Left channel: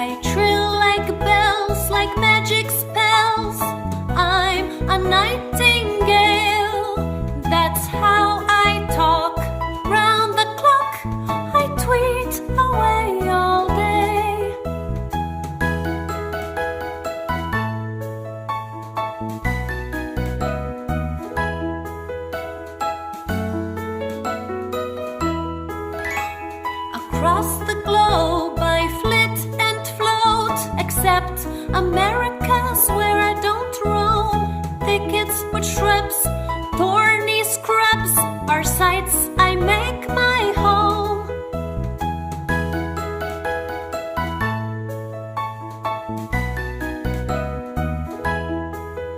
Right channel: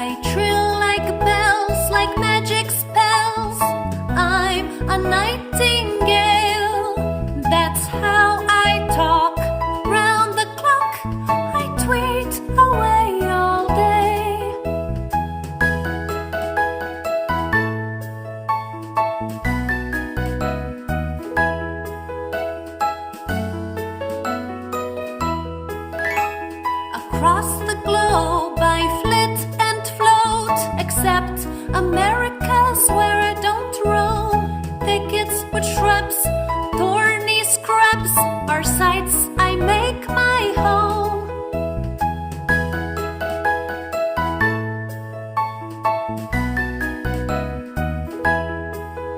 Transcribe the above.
I trill like bells, like magic spells. I'm a nightingale. That's how I talk. Round the clock, I tweet away all day. Across the globe I flit and float, except America's where I don't roam. Thickets with shrubs, thorny scrubs are sights I make my home.